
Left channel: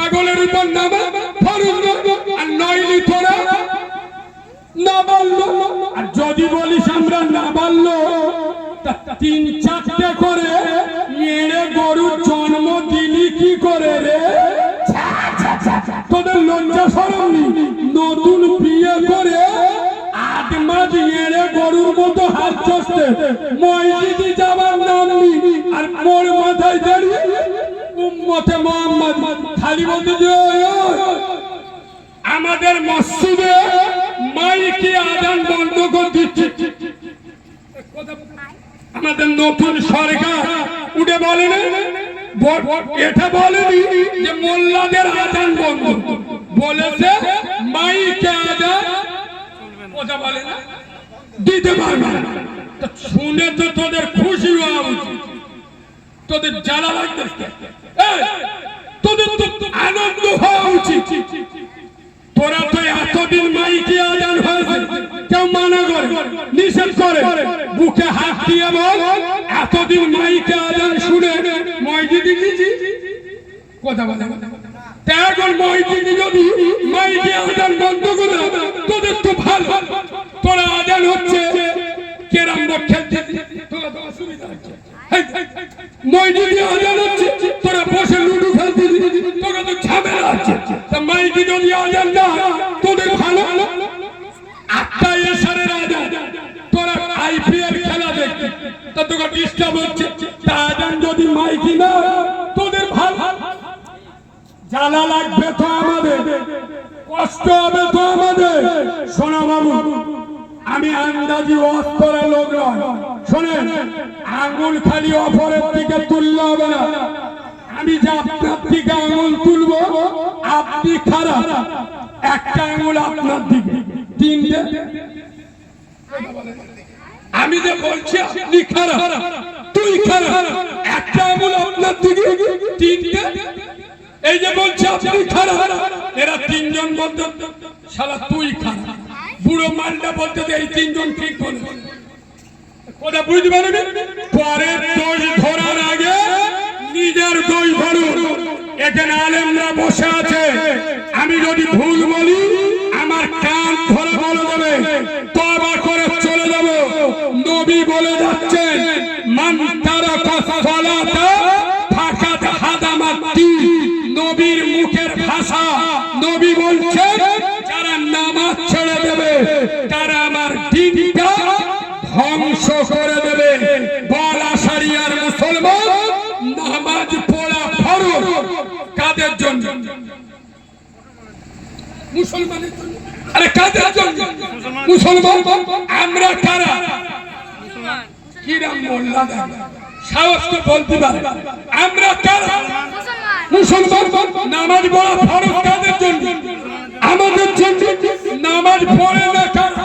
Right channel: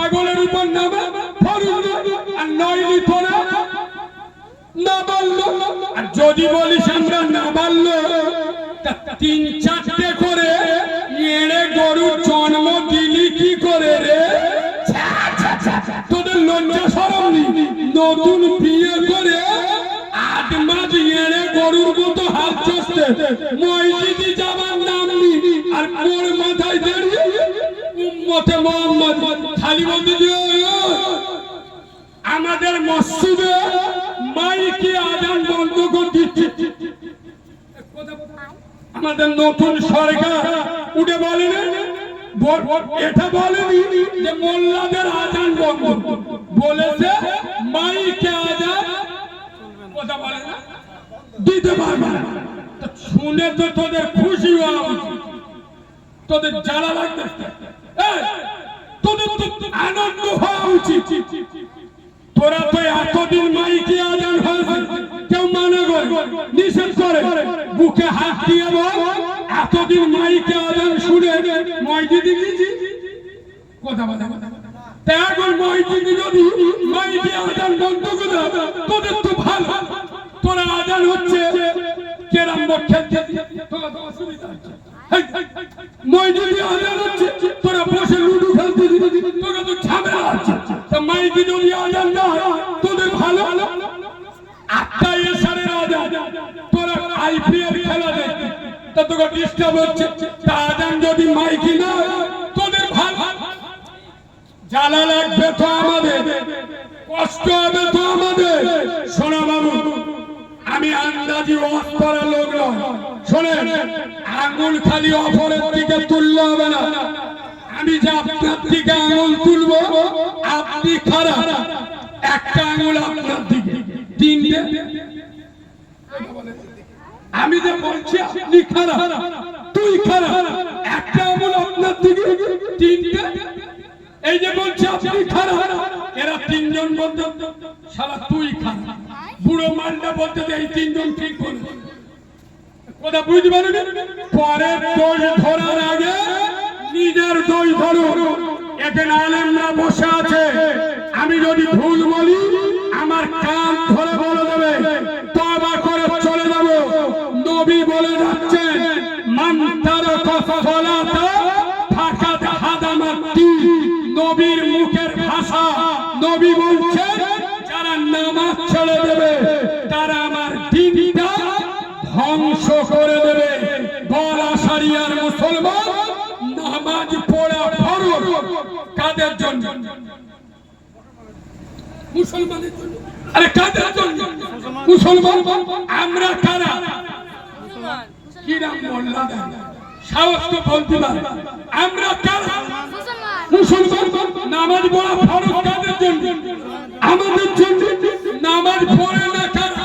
পাগলের উপর নামে ফরজ আর নইলি তোরা না বললো। আর যদি বলিস আমরা না বললো, তিন চারটে করে এড়ে গরুর জন্ম দিলি কি করে রে? তোদের লজ্জা শরম নেই? নতুন বিয়ে করে 8 মাস এড়ে গরুর মতো হাত চষতে মসজিদে যাবার নাম নেই, আর মোর মাথায় দাঁড়িয়ে উম্মতে মোহাম্মদ খালি বলতে যে আমাদের মসজিদে মাইকে আজান বন্ধ করে দিচ্ছে। আমাদের নতুন সরকার উঠে বলেন, এটা বলেনি যে মোল্লাদের আজান বন্ধ, বলেছে মাইকে আজান কথা বলে না দিতে পারবে না। শুনে তো তোদের খুশি হওয়া উচিত, তোদের জ্বালা লাগতেছে, তোদের তো আনন্দ হওয়া উচিত। তোরা তো এতদিন মাইকে আজান হয়েছে কেউ মানা করে নিষেধ করে, বুকে হাত দিয়ে বল এতদিন মাইকে আজান শুনে মসজিদে গেছি কথা বলে। এখন মসজিদে যদি মাইকে আজান বন্ধ করে তোদের তো ভালো, তোরা আজান হচ্ছে কেরাম খেলতে তোরা তো অসুবিধা হচ্ছে, মসজিদে আজান হচ্ছে তোরা বসে লুডু খেলতে তোরা তো ঝামেলা আছে। মাইকে যদি আজান না তোদের ভালো, 8টা এসারের আজান তোরা আইপিএল খেলা দেখতে তা তোকে ডিস্টার্ব হচ্ছে, তা আজান যদি মাইকি না তোদের ভালো। জ্বালা লাগবে তো আমাদের, কষ্ট হবে তো আমাদের। শোনা বাবু, আমি আন্দাজি অস্তরা লোক নয়, শোনেন আঙ্গুল খালি অপরের দিকে তুললে হবে না। আমি যে আপনার দিকে আঙুল তুলবো আপনি খারাপ, একটা আঙুল আপনার দিকে, 3টে আমি যে বলছি আপনি খারাপ তুই খারাপ, একটা আঙুল আপনার দিকে 3টে, এই যে বলছি আপনি খারাপ এরা 3 জন বলতে শালা তুই খারাপ, বুড়ো মালটা বলতে এই 3 জন ঠিক করে কথা বুঝতে পারবি। পরের দোষ ধরার আগে নিজের দোষ ধরো। এখানে আলেমরা বসে আছে, আমি যদি ভুল বলি আমার কান ধরে বলে দেবে, তওবা করে চলে যাব। নবী বলে যাচ্ছেন মান তারাকা সালাতা ফাকাদ হাদামাত দ্বীন, নবীর মুখের ভাষা। নবী বলছেন যারা নামাজ ছেড়ে দেবে তারা আমার দ্বীনটা ধ্বংস করে দেবে। বলা শরিয়ার মুসলমান নামাজ পড়া ফরজ কাদের জন্য? মুসলমানের জন্য। আরে কাদের জন্য? মুসলমান। আমরা কারা? কিরাম মোল্লা সাহস তো বলতে পারে আমরা কারা? মুসলমান। নামাজ পড়া ফরজ কাদের জন্য? আমাদের জন্য। নামাজ পড়ে না কারা?